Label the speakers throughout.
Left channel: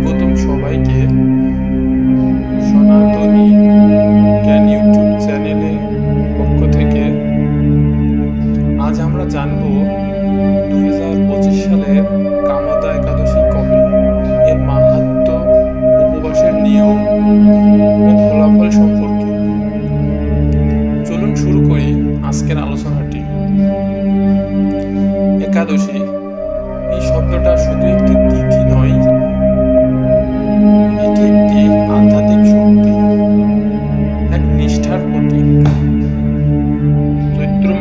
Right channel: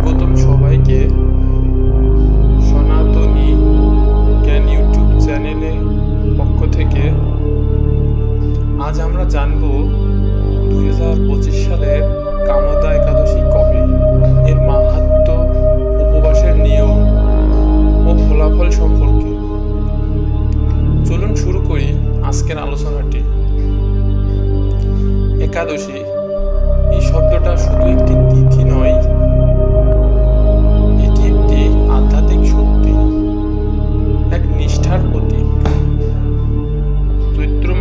Speaker 1: স্বাগতম সবাইকে সনাতনী জ্ঞান ইউটিউব চ্যানেলে পক্ষ থেকে। আজ আমরা জানব দুই হাজার পঁচিশ সালের কামদা একাদশী কবে? এর মাহাত্ম, উপবাসের নিয়ম ও ফলাফল সম্পর্কে। চলুন শুরু করি আজকের আলোচনাটি। একাদশী এই শব্দটা শুধু একটি তিথি নয়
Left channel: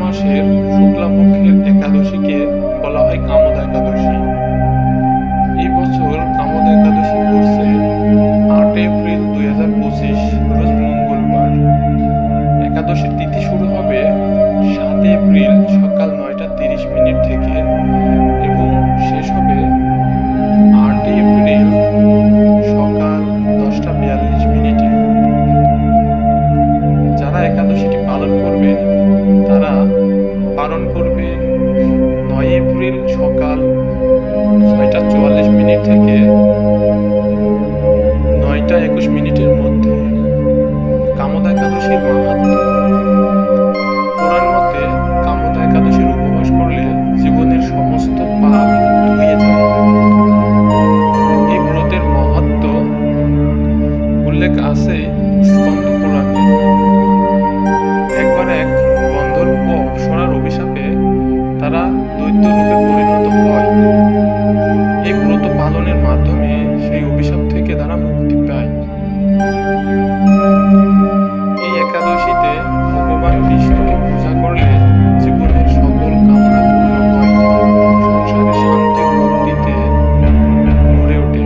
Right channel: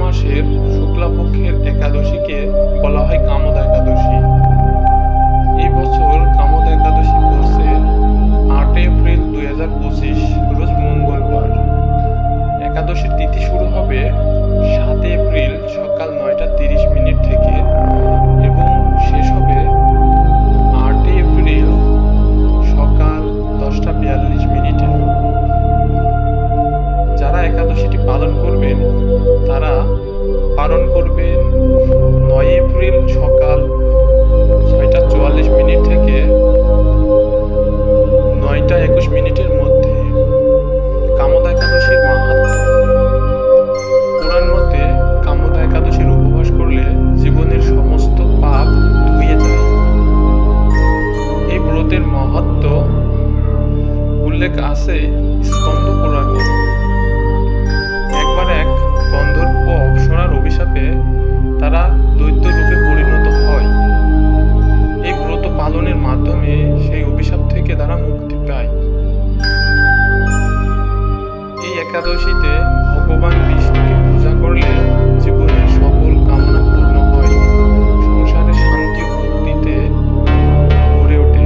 Speaker 1: মাসের শুক্লাপক্ষের একাদশীকে বলা হয় কামদা একাদশী। এই বছর কামদা একাদশী পড়ছে আট এপ্রিল দুই হাজার পঁচিশ, রোজ মঙ্গলবার। একাদশীর তিথি শুরু হবে সাত এপ্রিল সকাল নয়টা তিরিশ মিনিট থেকে এবং শেষ হবে আটই এপ্রিল সকাল দশটা বিয়াল্লিশ মিনিটে। যারা একাদশীটি পালন করবেন, তারা পালন করবে। নয় এপ্রিল সকাল ছয়টা চুয়াল্লিশ মিনিট থেকে নয়টা একুশ মিনিটের মধ্যে কামদা একাদশীর মাহাত্ম। পুরাণ মতে কামদা একাদশীর উপবাস করলে জীবনের সমস্ত পাপ ধুয়ে যায়। এই ব্রতের মহত্ব উল্লেখ আছে স্কন্দ পুরাণে। দৈত্য রূপে পরিণত হয়। এই ব্রত পালনের মাধ্যমে সেই অভিশাপ থেকে তারা মুক্তি পায়। এই একাদশীতে ভগবান বিষ্ণুকে পূজা করলে জীবনের সকল কামনা পূর্ণ হয়। সংসারে শান্তি ও মুক্তিতে ভরে ওঠে।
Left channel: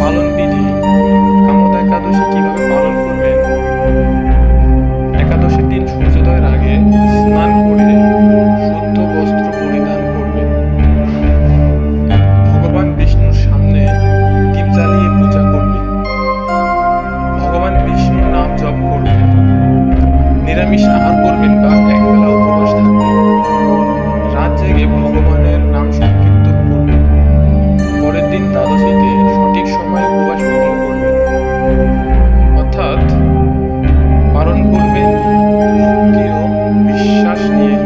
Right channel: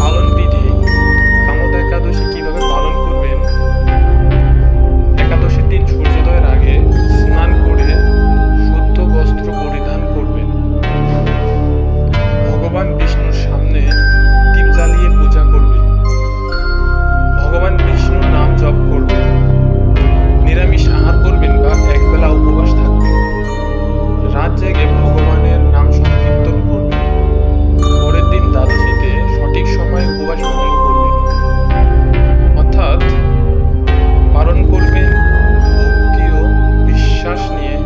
Speaker 1: পালন বিধি কামদা একাদশী কীভাবে পালন করবেন? একাদশীর দিন সূর্যোদয়ের আগে নাম জপ করবেন নিরামিষ আহার করবেন বা একবেলা উপবাস থাকবেন। রাত জেগে ভগবানের নাম সংকীর্তন করবেন। পরের দিন দ্বাদশীতে সঠিক সময়ে উপবাস ভঙ্গ করবেন। অর্থাৎ পালন করবেন ভক্তি ও বিশ্বাস নিয়ে।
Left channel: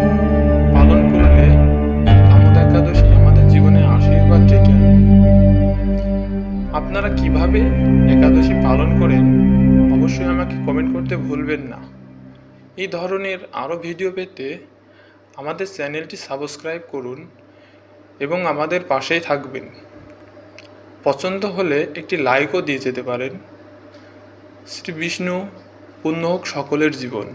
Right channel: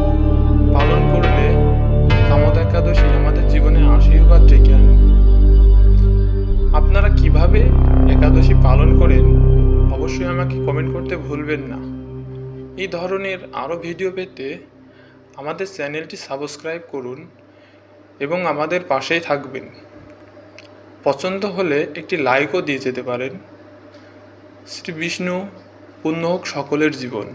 Speaker 1: পালন করলে কামদা একাদশী আমাদের জীবনে আশীর্বাদ ডেকে আনে। আপনারা কীভাবে একাদশী পালন করেন অবশ্যই আমাকে কমেন্ট করতে ভুলবেন না। এই ধরনের আরও ভিডিও পেতে আমাদের চ্যানেলটি সাবস্ক্রাইব করুন এবং আমাদের পাশেই থাকবেন। পছন্দ হলে একটি লাইকও দিয়ে যেতে পারেন। শ্রী বিষ্ণু, পূর্ণ হোক সকলের জীবন।